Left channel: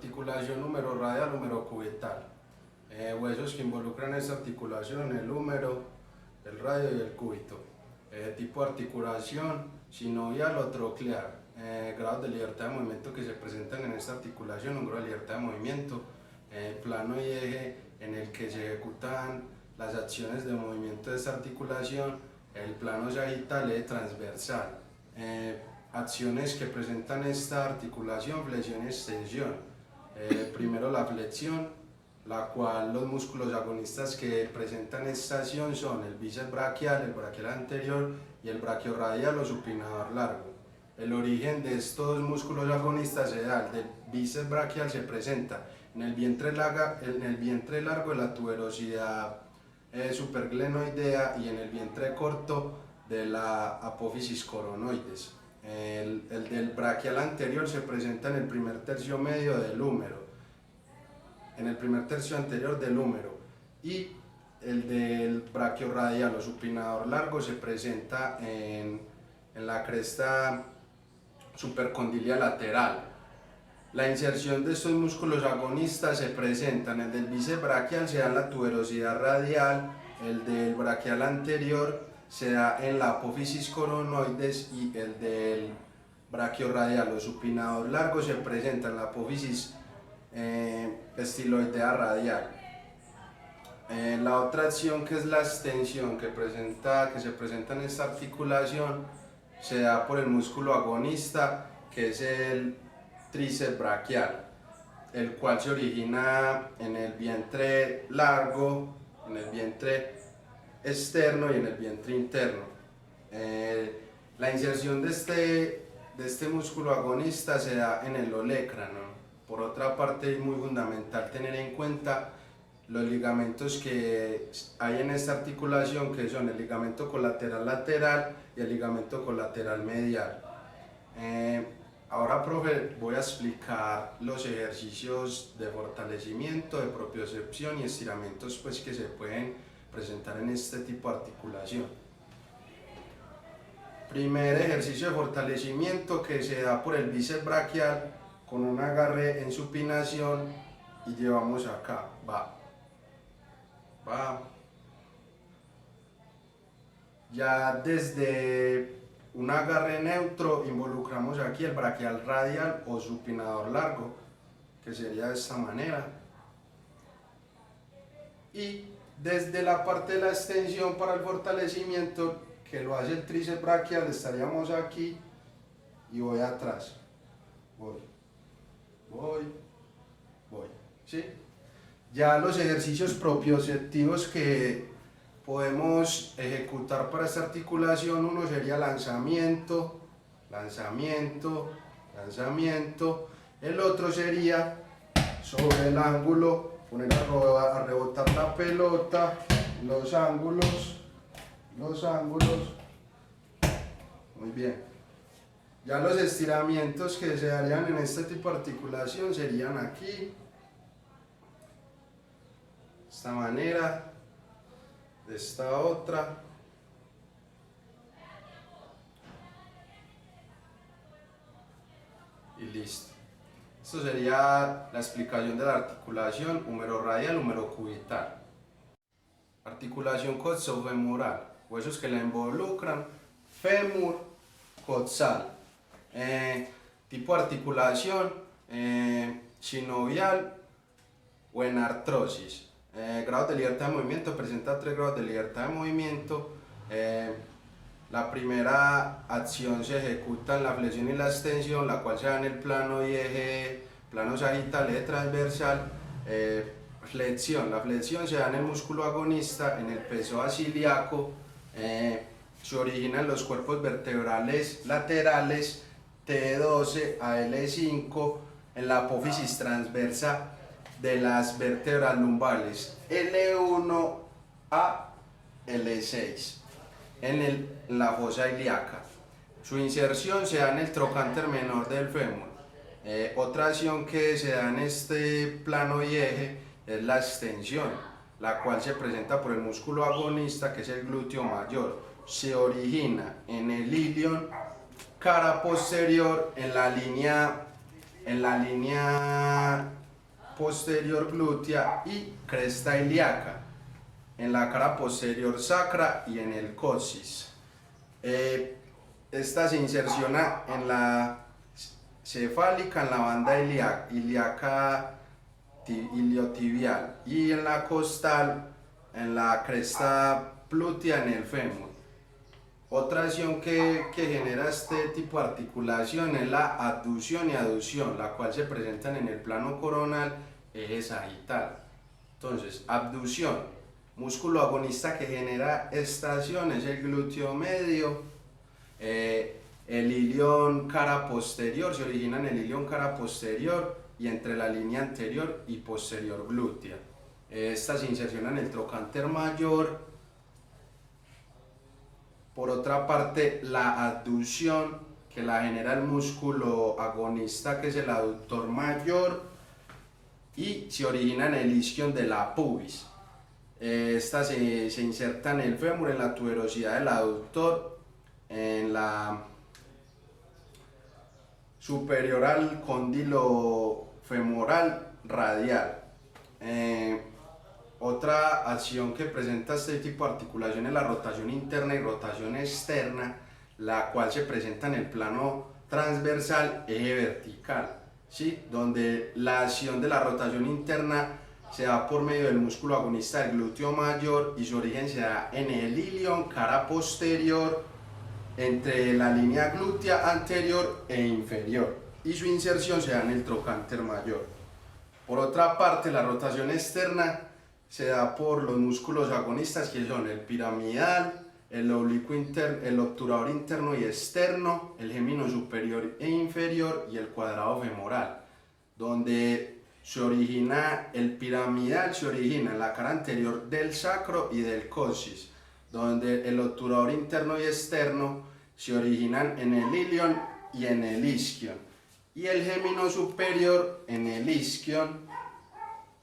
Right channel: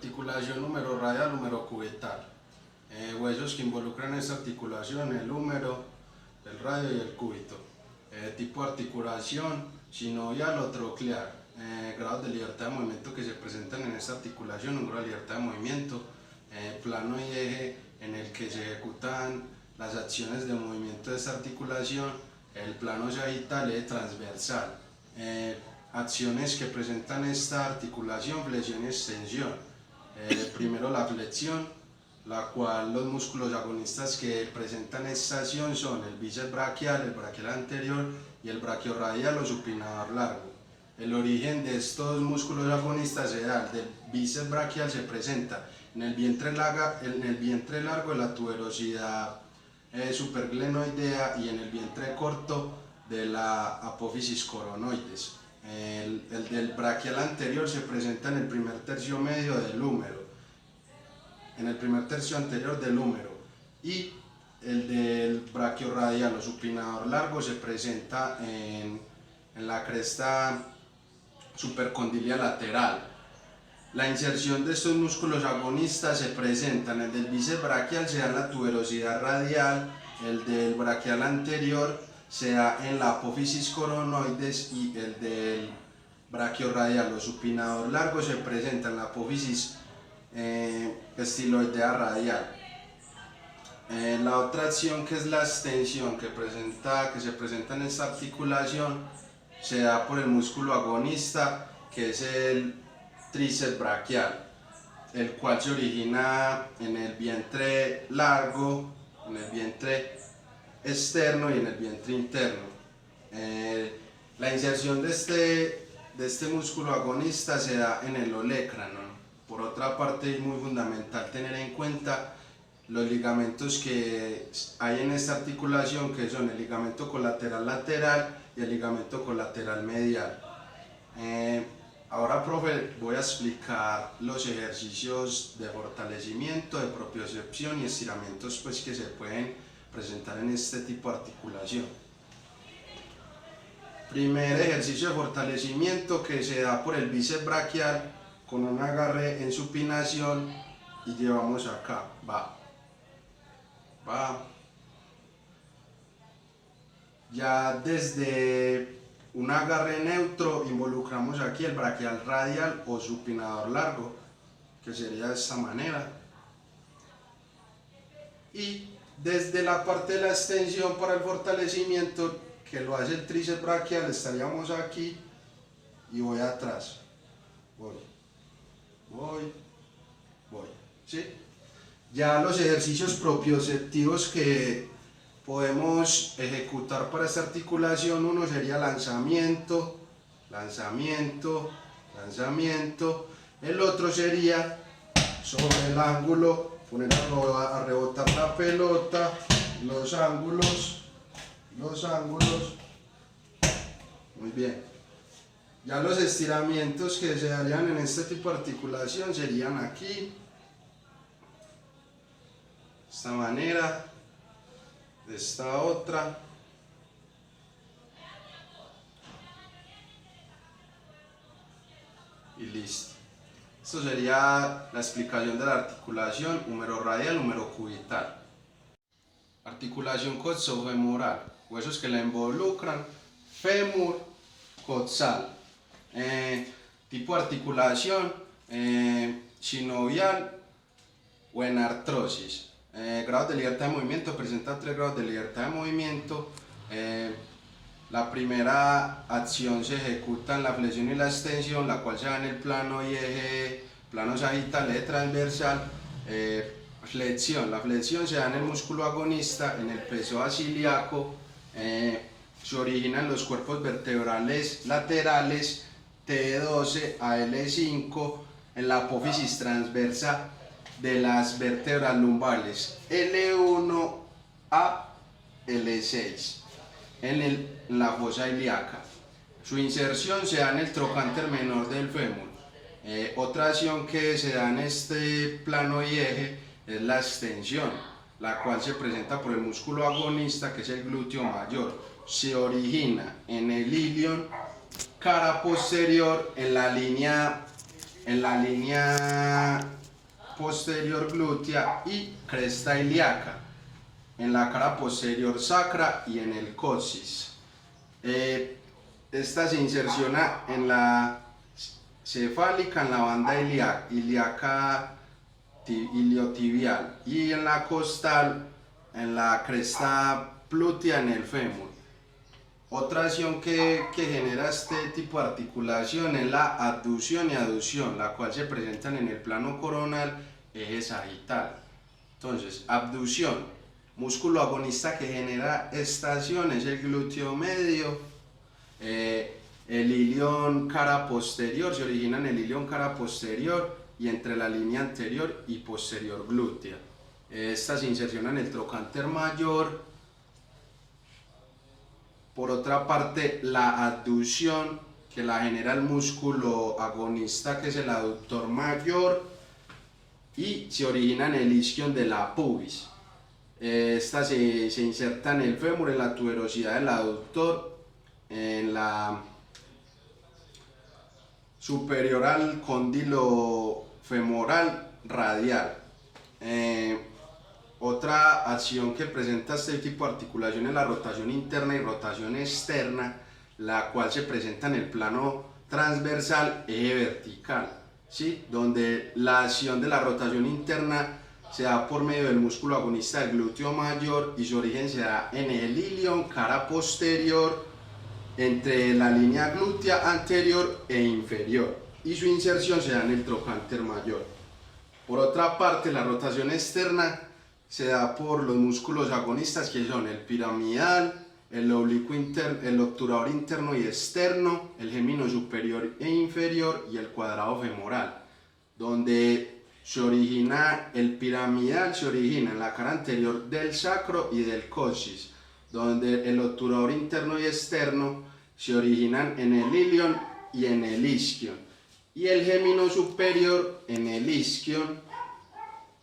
Articulación húmero radial, húmero cubital. Huesos que involucran esta articulación: el húmero, el radio y el cúbito. Tipo de articulación: sinovial o troclear. Grados de libertad de movimiento que se presentan en esta articulación: un grado de libertad de movimiento, plano y eje en el que se ejecutan las acciones de movimiento de esta articulación, el plano sagital, eje transversal. Acciones que presentan esta articulación: flexión y extensión. Primero la flexión, la cual los músculos agonistas que presentan esta acción son el bíceps braquial, el braquial anterior y el braquiorradial o supinador largo. El origen de estos músculos agonistas se da: el del bíceps braquial se presenta en el vientre largo de la tuberosidad superglenoidea y en el vientre corto de la apófisis coronoides. El del braquial anterior se presenta en el primer tercio medio del húmero, en el primer tercio anterior del húmero, y el del braquiorradial o supinador largo se presenta en la cresta supercondilia lateral. La inserción de estos músculos agonistas se presenta en el del bíceps braquial, se da en la tuberosidad radial, el del braquial anterior se da en la apófisis coronoides y el del braquiorradial o supinador largo se presenta en la apófisis estiloidea radial. La otra acción, que es la extensión que se presenta en esta articulación, se da por el músculo agonista, que es el tríceps braquial, el cual se origina en el vientre largo, en el vientre externo y en el vientre interno. La inserción de este músculo agonista se da en el olecrano. Por otra parte, es muy fundamental tener en cuenta los ligamentos que hay en esta articulación, que son el ligamento colateral lateral y el ligamento colateral medial. Ahora, profe, voy a explicar los ejercicios de fortalecimiento, de propiocepción y estiramientos que se pueden presentar en este tipo de articulación. Primer ejercicio de fortalecimiento, que se da por el bíceps braquial con un agarre en supinación y llevamos acá, va. Ya desde un agarre neutro involucramos aquí el braquial radial o supinador largo, que sería de esta manera, y desde la parte de la extensión para el fortalecimiento, que lo hace el tríceps braquial, estaríamos aquí y voy atrás, voy, ¿sí? Ya los ejercicios propioceptivos que podemos ejecutar para esta articulación: uno sería lanzamiento, lanzamiento, lanzamiento. El otro sería sobre el ángulo, poner a rebotar la pelota, los ángulos, muy bien. Ya los estiramientos que se harían en este tipo de articulación serían aquí, de esta manera, de esta otra, y listo. Esto sería la explicación de la articulación húmero radial, húmero cubital. Articulación coxofemoral, huesos que la involucran: fémur, coxal. Tipo de articulación: sinovial o en artrosis. Grados de libertad de movimiento: presenta 3 grados de libertad de movimiento. La primera acción se ejecuta en la flexión y la extensión, la cual se da en el plano y eje, plano sagital, eje transversal. Flexión: la flexión se da en el músculo agonista, en el peso basiliaco. Se origina en los cuerpos vertebrales laterales T12 a L5, en la apófisis transversa de las vértebras lumbares L1 a L6, en la fosa ilíaca. Su inserción se da en el trocánter menor del fémur. Otra acción que se da en este plano y eje es la extensión, la cual se presenta por el músculo agonista, que es el glúteo mayor. Se origina en el ilion, cara posterior, en la línea en la línea posterior glútea y cresta ilíaca, en la cara posterior sacra y en el coxis. Esta se inserciona en la cefálica, en la banda ilíaca iliotibial, y en la costal, en la cresta glútea, en el fémur. Otra acción que genera este tipo de articulación es la abducción y aducción, la cual se presentan en el plano coronal, eje sagital. Entonces, abducción, músculo agonista que genera esta acción es el glúteo medio, el ilion cara posterior, se origina en el ilion cara posterior y entre la línea anterior y posterior glútea. Esta se inserciona en el trocánter mayor. Por otra parte, la abducción, que la genera el músculo agonista, que es el aductor mayor, y se origina en el isquion de la pubis. Esta se inserta en el fémur, en la tuberosidad del aductor, en la superior al cóndilo femoral radial. Otra acción que presenta este tipo de articulación es la rotación interna y rotación externa, la cual se presenta en el plano transversal, eje vertical, ¿sí? Donde la acción de la rotación interna se da por medio del músculo agonista del glúteo mayor y su origen se da en el ilion cara posterior, entre la línea glútea anterior e inferior, y su inserción se da en el trocánter mayor. Por otra parte, la rotación externa se da por los músculos agonistas, que son el piramidal, el oblicuo interno, el obturador interno y externo, el gémino superior e inferior y el cuadrado femoral. Donde se origina el piramidal, se origina en la cara anterior del sacro y del coxis, donde el obturador interno y externo se originan en el ilion y en el isquion, y el gémino superior en el isquion,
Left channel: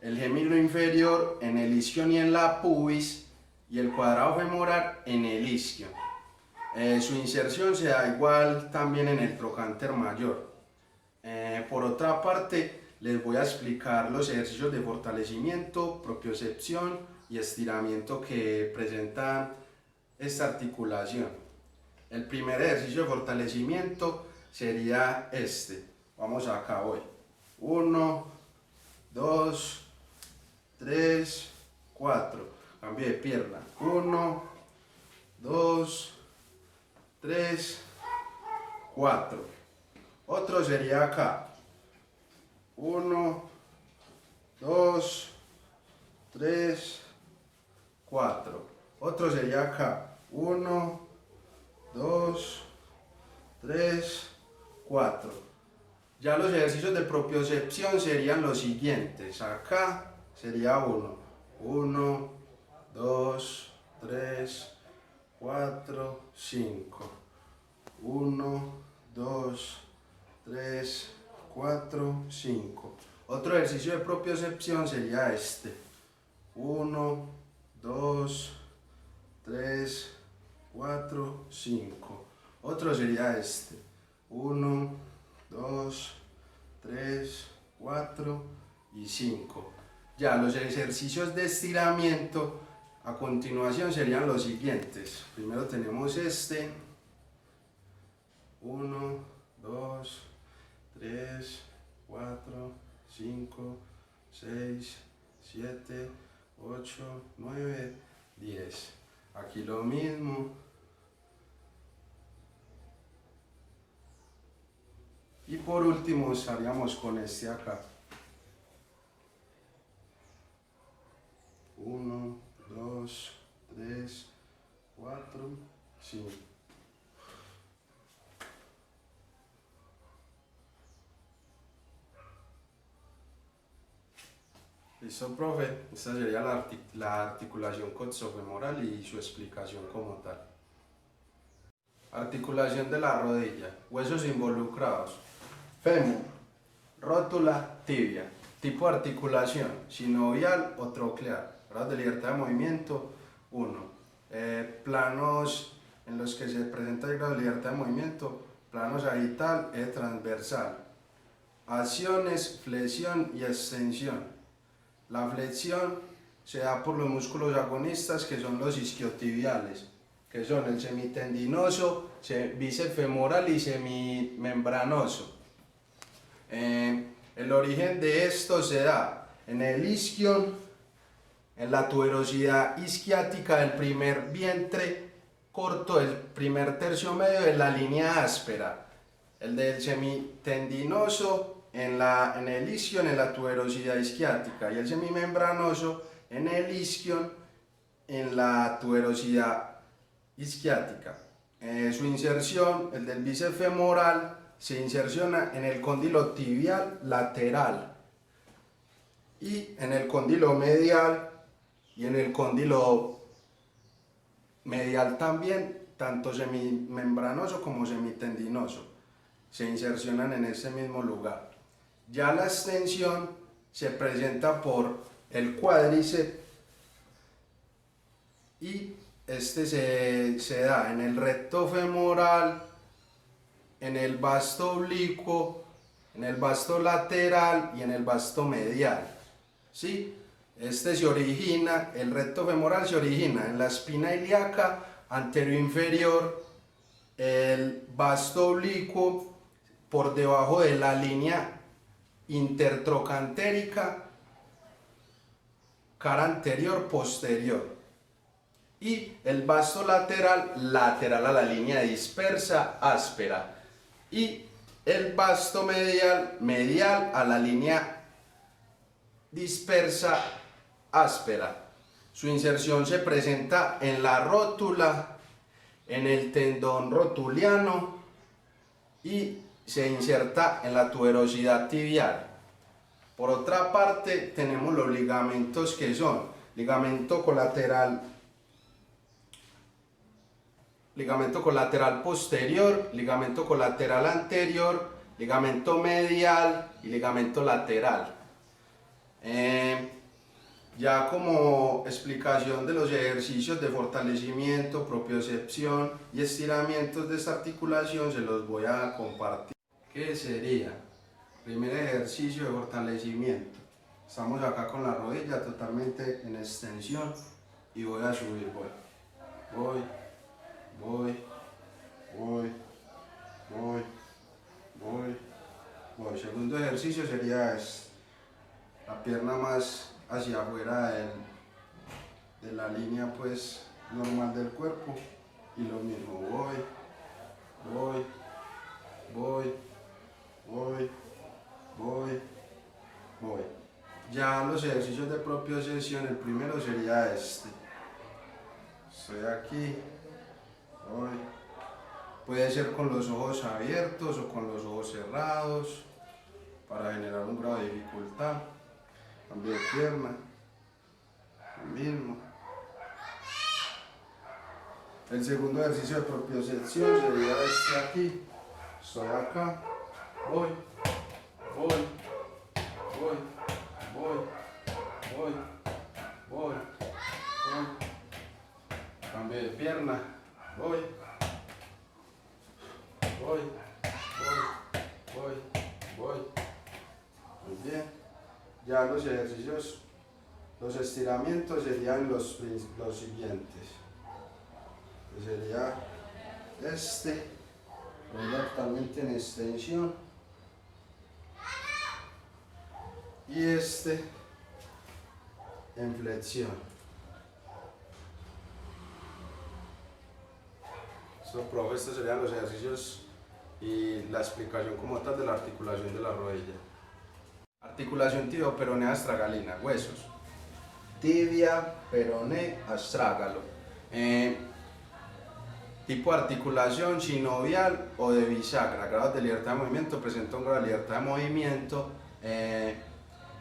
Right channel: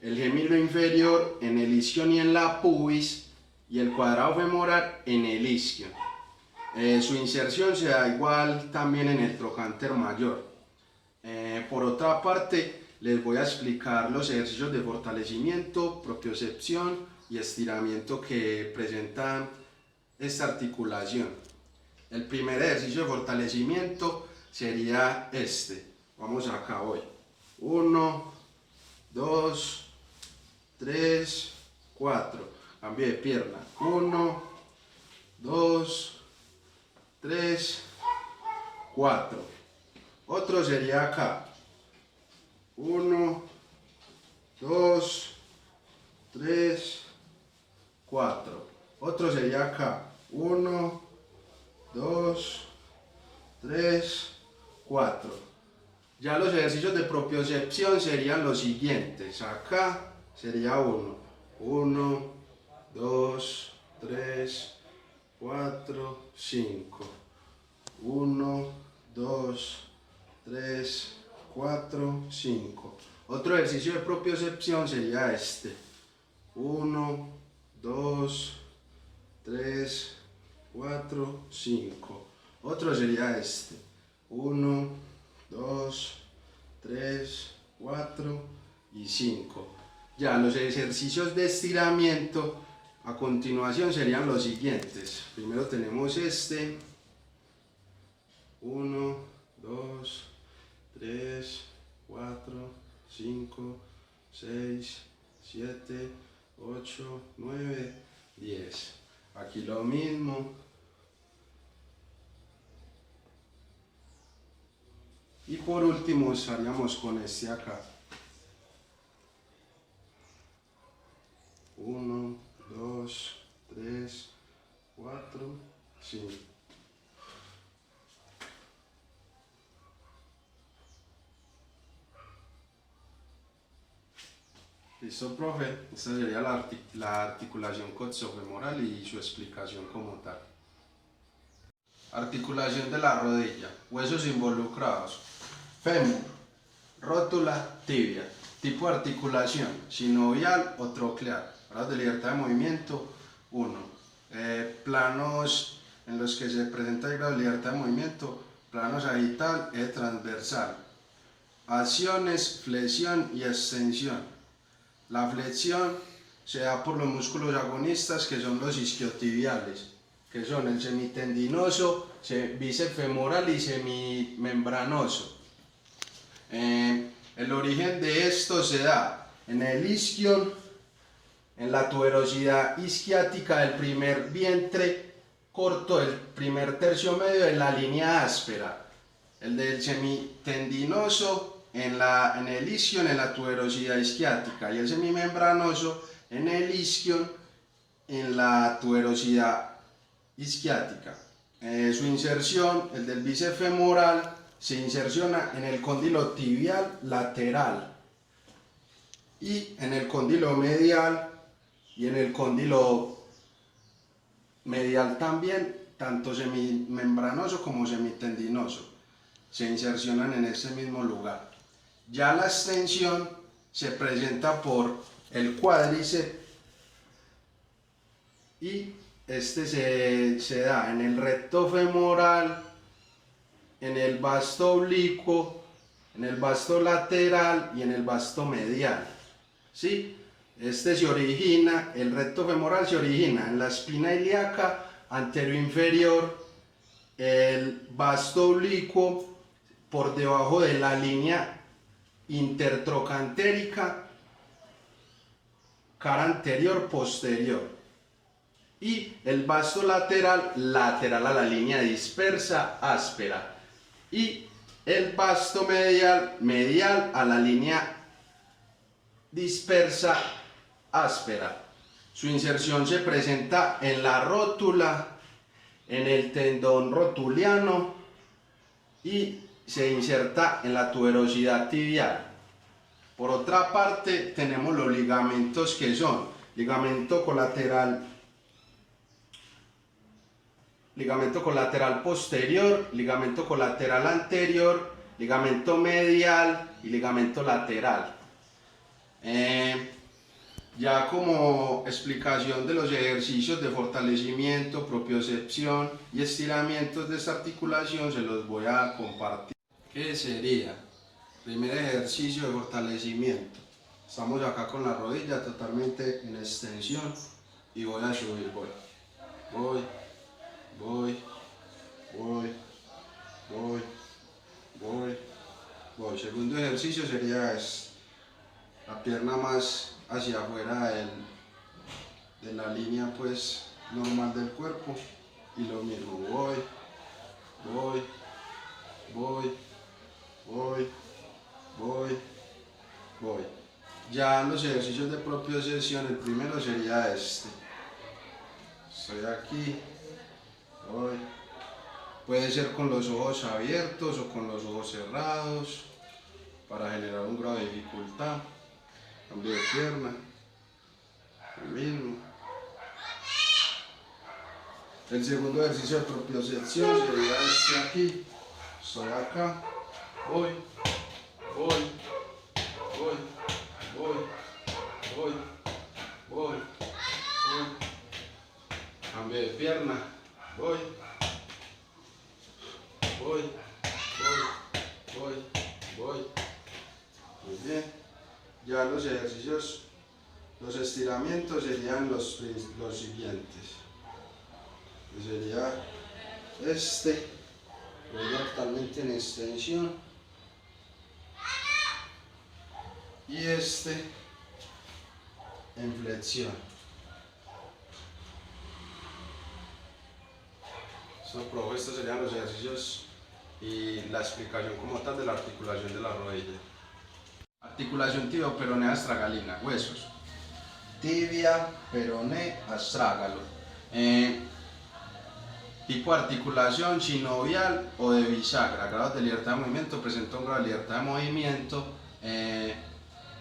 el gémino inferior en el isquion y en la pubis, y el cuadrado femoral en el isquion. Su inserción se da igual también en el trocánter mayor. Por otra parte, les voy a explicar los ejercicios de fortalecimiento, propiocepción y estiramiento que presentan esta articulación. El primer ejercicio de fortalecimiento sería este. Vamos acá hoy. 1, 2, 3, 4. Cambio de pierna. 1, 2, 3, 4. Otro sería acá. 1, 2, 3, 4. Otro sería acá. 1, 2, 3, 4. Ya los ejercicios de propiocepción serían los siguientes. Acá sería 1, 1, 2, 3, 4, 5. 1, 2, 3, 4, 5. Otro ejercicio de propiocepción sería este. 1, 2, 3, 4, 5. Otro sería este. 1, 2, 3, 4 y 5. Ya los ejercicios de estiramiento a continuación serían los siguientes. Primero tenemos este. 1, 2, 3, 4, 5, 6, 7, 8, 9, 10. Aquí lo mismo. Y por último estaríamos con este acá. 1, 2, 3, 4, 5. Listo, profe. Esta sería la articulación coxofemoral y su explicación como tal. Articulación de la rodilla. Huesos involucrados. Fémur, rótula, tibia. Tipo de articulación: sinovial o troclear. Grados de libertad de movimiento: 1. Planos en los que se presenta el grado de libertad de movimiento: plano sagital, eje transversal. Acciones, flexión y extensión. La flexión se da por los músculos agonistas, que son los isquiotibiales, que son el semitendinoso, bíceps femoral y semimembranoso. El origen de esto se da en el isquion, en la tuberosidad isquiática del primer vientre corto, el primer tercio medio de la línea áspera, el del semitendinoso en el isquion, en la tuberosidad isquiática, y el semimembranoso en el isquion, en la tuberosidad isquiática. Su inserción, el del bíceps femoral, se inserciona en el cóndilo tibial lateral y en el cóndilo medial y en el cóndilo medial también, tanto semimembranoso como semitendinoso, se insercionan en ese mismo lugar. Ya la extensión se presenta por el cuádriceps y este se da en el recto femoral, en el vasto oblicuo, en el vasto lateral y en el vasto medial. ¿Sí? Este se origina, el recto femoral se origina en la espina ilíaca anteroinferior, el vasto oblicuo por debajo de la línea intertrocantérica, cara anterior posterior, y el vasto lateral lateral a la línea dispersa áspera, y el vasto medial medial a la línea dispersa áspera. Su inserción se presenta en la rótula, en el tendón rotuliano, y se inserta en la tuberosidad tibial. Por otra parte, tenemos los ligamentos, que son ligamento colateral posterior, ligamento colateral anterior, ligamento medial y ligamento lateral. Ya como explicación de los ejercicios de fortalecimiento, propiocepción y estiramientos de esta articulación, se los voy a compartir. ¿Qué sería? Primer ejercicio de fortalecimiento. Estamos acá con la rodilla totalmente en extensión y voy a subir. Voy. Segundo ejercicio sería este. La pierna más hacia afuera de la línea pues normal del cuerpo, y lo mismo, voy. Ya los ejercicios de propiocepción, el primero sería este. Estoy aquí, voy. Puede ser con los ojos abiertos o con los ojos cerrados para generar un grado de dificultad. Cambio de pierna, lo mismo. El segundo ejercicio de propiocepción sería este aquí. Estoy acá, voy. Cambio de pierna, voy. Muy bien. Ya los ejercicios, los estiramientos serían los siguientes. Que sería este, totalmente en extensión, y este en flexión. Estos serían los ejercicios y la explicación como tal de la articulación de la rodilla. Articulación tibio-peronea astragalina, huesos. Tibia, peroné, astrágalo. Tipo de articulación sinovial o de bisagra. Grados de libertad de movimiento: presenta un grado de libertad de movimiento.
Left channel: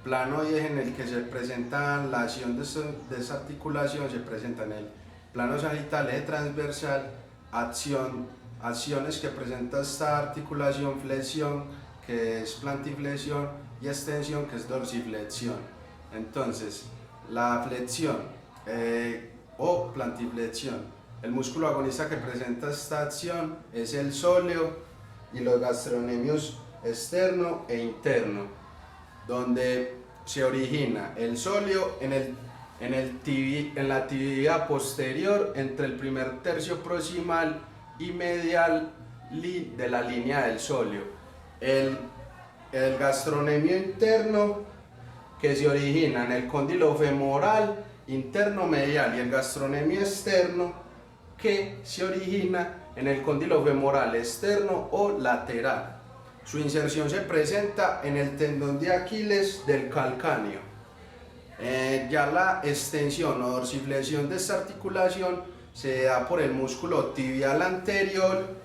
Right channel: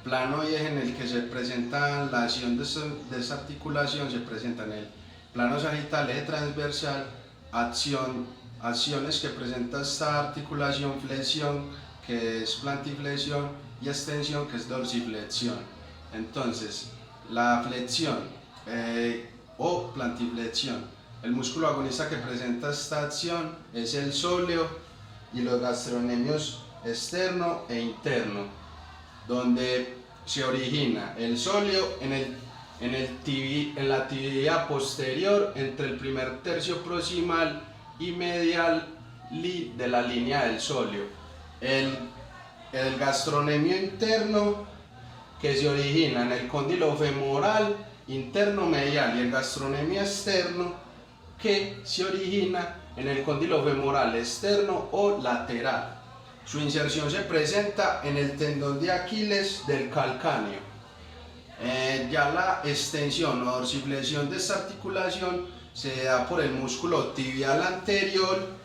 Plano y eje en el que se presenta la acción de esta articulación se presenta en el plano sagital, eje transversal. Acciones que presenta esta articulación: flexión, que es plantiflexión, y extensión, que es dorsiflexión. Entonces, la flexión o plantiflexión, el músculo agonista que presenta esta acción es el sóleo y los gastrocnemios externo e interno, donde se origina el sóleo en la tibia posterior entre el primer tercio proximal y medial de la línea del sóleo. El gastrocnemio interno, que se origina en el cóndilo femoral interno medial, y el gastrocnemio externo, que se origina en el cóndilo femoral externo o lateral. Su inserción se presenta en el tendón de Aquiles del calcáneo. Ya la extensión o dorsiflexión de esta articulación se da por el músculo tibial anterior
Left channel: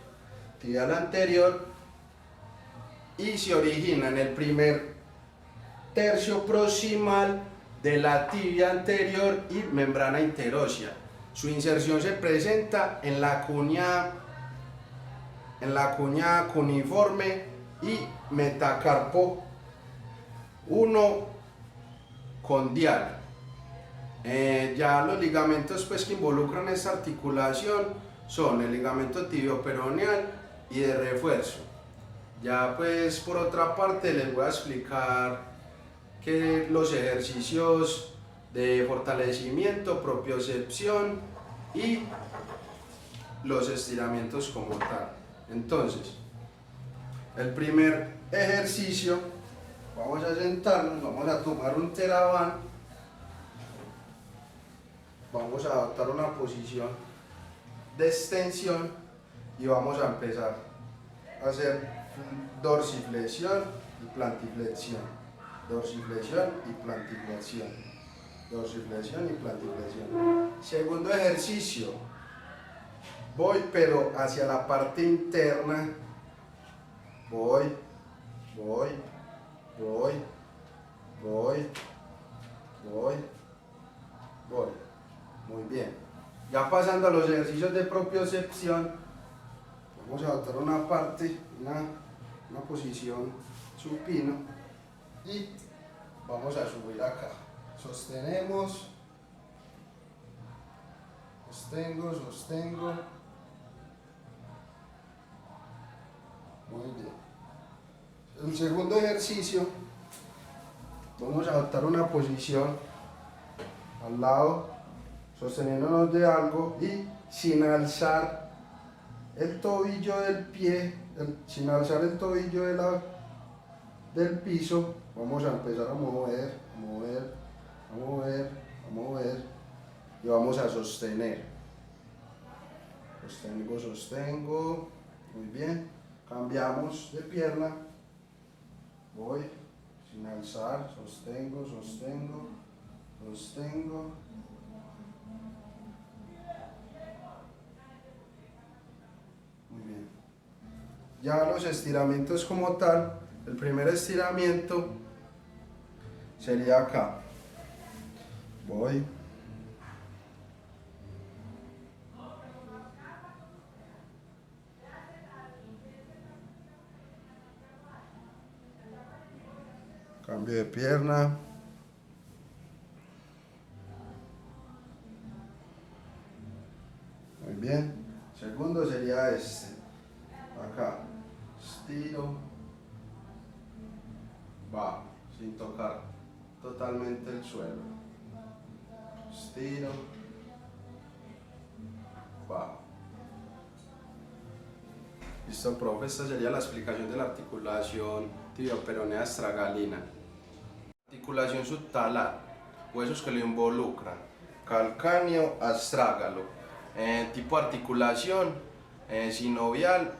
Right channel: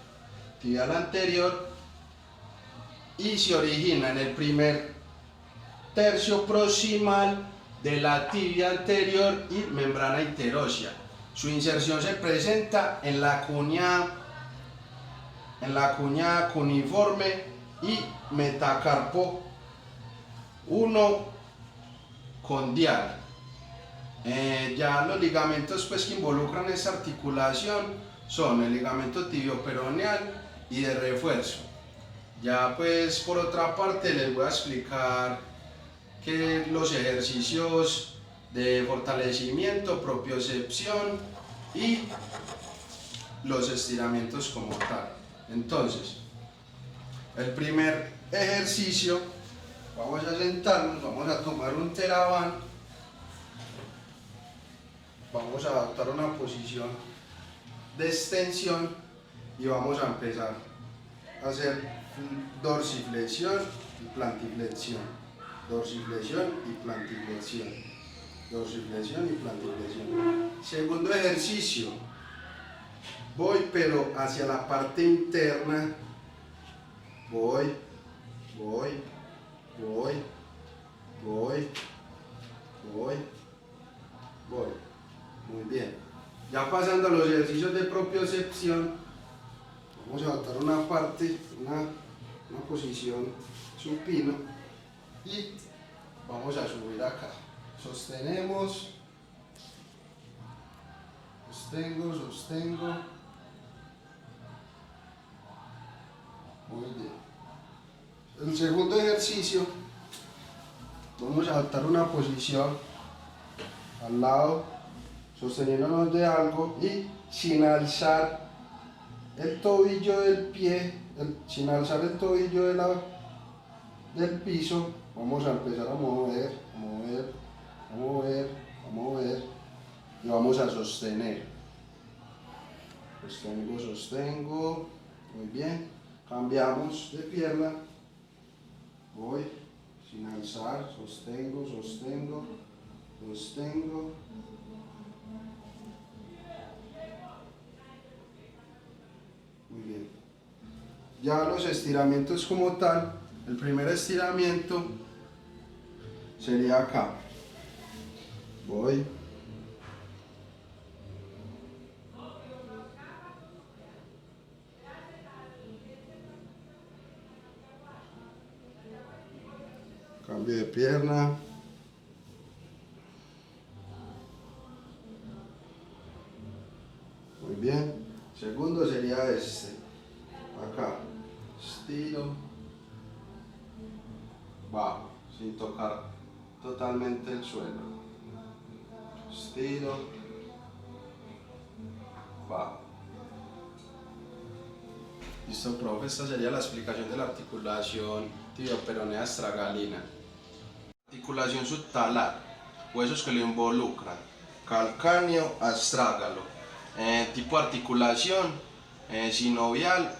y se origina en el primer tercio proximal de la tibia anterior y membrana interósea. Su inserción se presenta en la cuña cuneiforme y metacarpo 1 condial. Ya los ligamentos pues, que involucran esta articulación son el ligamento tibio-peroneal y de refuerzo. Ya pues por otra parte les voy a explicar que los ejercicios de fortalecimiento, propiocepción y los estiramientos como tal. Entonces, el primer ejercicio, vamos a sentarnos, vamos a tomar un TheraBand, vamos a adoptar una posición de extensión y vamos a empezar a hacer dorsiflexión y plantiflexión, dorsiflexión y plantiflexión, dorsiflexión y plantiflexión. Segundo ejercicio, voy pero hacia la parte interna, voy, muy bien. Ya pasando a los ejercicios de propiocepción, vamos a adoptar una parte, una posición supina y vamos a subir acá. Sostenemos, sostengo. Muy bien. El segundo ejercicio, vamos a adoptar una posición al lado, sosteniéndonos de algo y sin alzar el tobillo del pie, sin alzar el tobillo del piso, vamos a empezar a mover y vamos a sostener. Sostengo, muy bien. Cambiamos de pierna, voy, sin alzar, sostengo. Muy bien. Ya los estiramientos como tal, el primer estiramiento sería acá. Voy. Cambio de pierna. Muy bien. Segundo sería este. Acá. Estiro. Bajo, sin tocar totalmente el suelo. Estiro. Bajo. Listo, profe. Esta sería la explicación de la articulación tibioperonea astragalina. Articulación subtalar, huesos que lo involucran, calcáneo, astrágalo. Tipo de articulación, sinovial,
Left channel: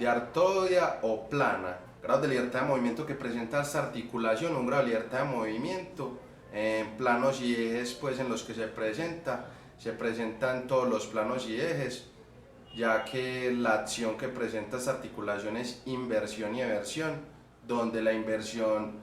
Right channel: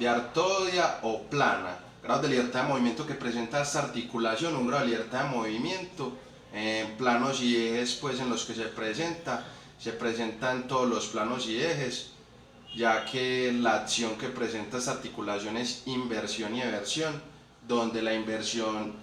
diartoidea o plana. Grado de libertad de movimiento que presenta esta articulación, un grado de libertad de movimiento, planos y ejes pues, en los que se presentan todos los planos y ejes, ya que la acción que presenta esta articulación es inversión y eversión, donde la inversión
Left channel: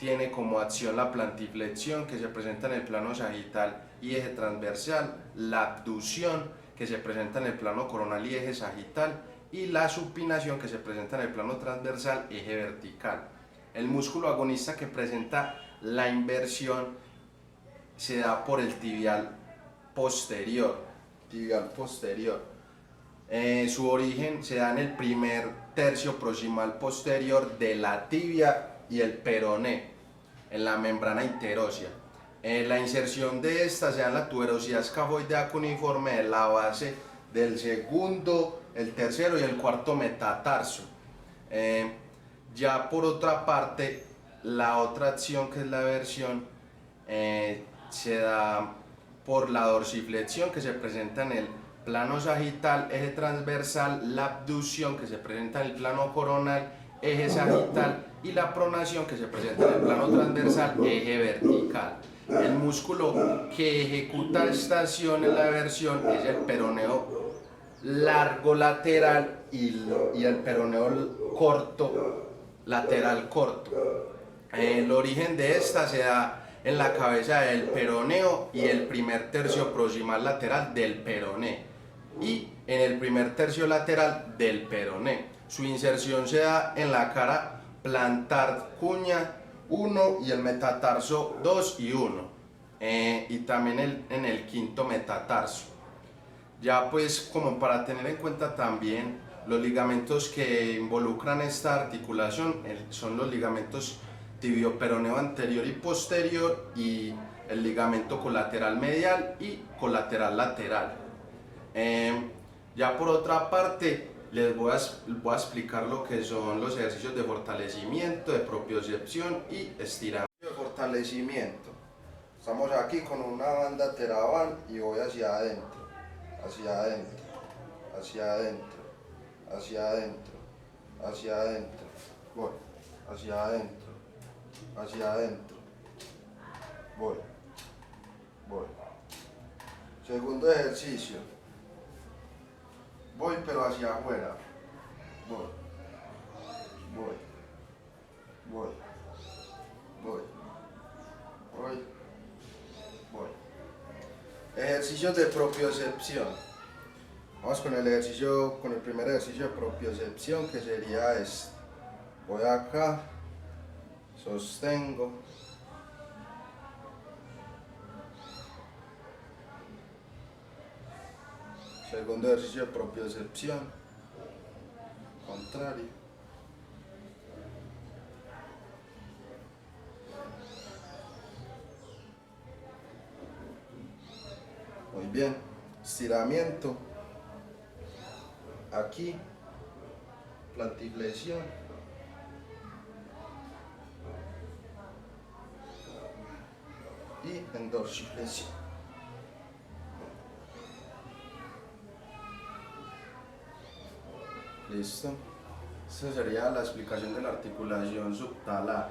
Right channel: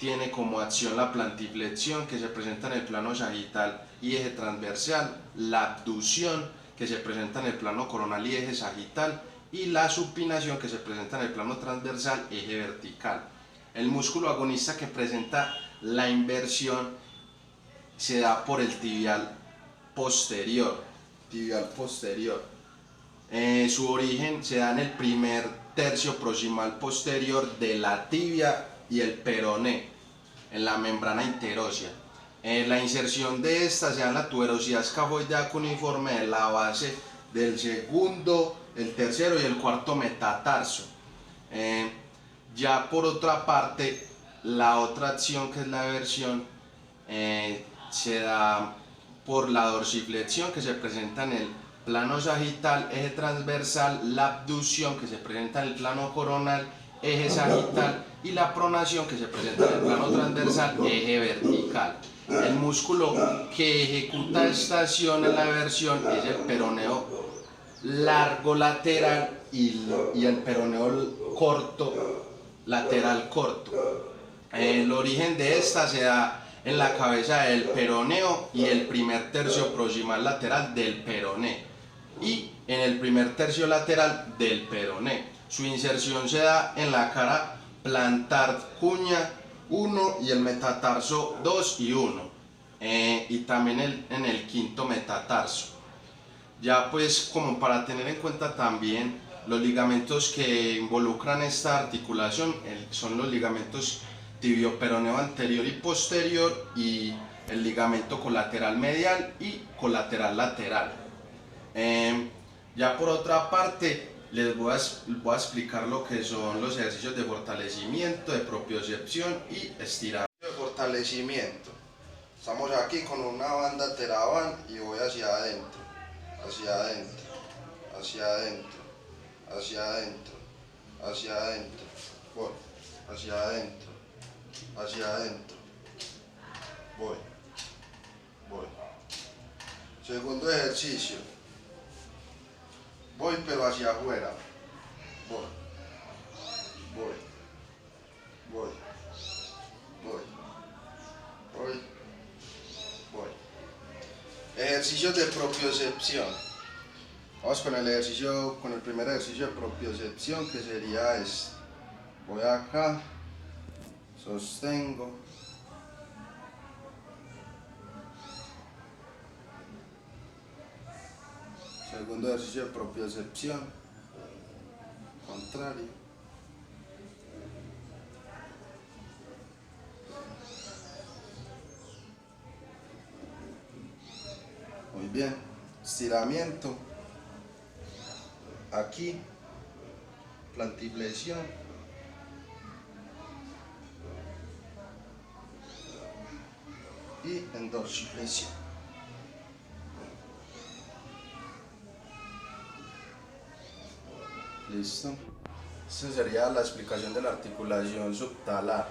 tiene como acción la plantiflexión, que se presenta en el plano sagital y eje transversal, la abducción, que se presenta en el plano coronal y eje sagital, y la supinación, que se presenta en el plano transversal, eje vertical. El músculo agonista que presenta la inversión se da por el tibial posterior. Su origen se da en el primer tercio proximal posterior de la tibia y el peroné en la membrana interósea. La inserción de esta se da en la tuberosidad escafoidea cuneiforme de la base del segundo, el tercero y el cuarto metatarso. Ya por otra parte, la otra acción, que es la eversión, se da por la dorsiflexión, que se presenta en el plano sagital, eje transversal, la abducción, que se presenta en el plano coronal, eje sagital, y la pronación, que se presenta en el plano transversal, eje vertical. El músculo que ejecuta esta acción en la eversión es el peroneo largo lateral y el peroneo corto lateral corto. El origen de esta se da en la cabeza del peroneo y el primer tercio proximal lateral del peroné y en el primer tercio lateral del peroné. Su inserción se da en la cara plantar cuña 1 y el metatarso 2 y 1, y también en el quinto metatarso. Ya pues, como para tener en cuenta también los ligamentos que involucran esta articulación, son los ligamentos tibio-peroneo anterior y posterior y el ligamento colateral medial y colateral lateral. Ya por otra parte, les voy a explicar lo que son los ejercicios de fortalecimiento, de propiocepción y estiramiento. De fortalecimiento. Estamos aquí con una banda Teraban y voy hacia adentro, hacia adentro, hacia adentro, hacia adentro, hacia adentro, voy, hacia adentro, hacia adentro, voy, voy. Segundo ejercicio, voy pero hacia afuera, voy, voy, voy, voy, voy, voy. Ejercicios de propiocepción. Vamos con el primer ejercicio de propiocepción, que sería este. Voy acá, sostengo, segundo ejercicio de propiocepción, contrario, muy bien, estiramiento, aquí, plantiflexión, y en dorsiflexión. Listo. Esa sería la explicación de la articulación subtalar.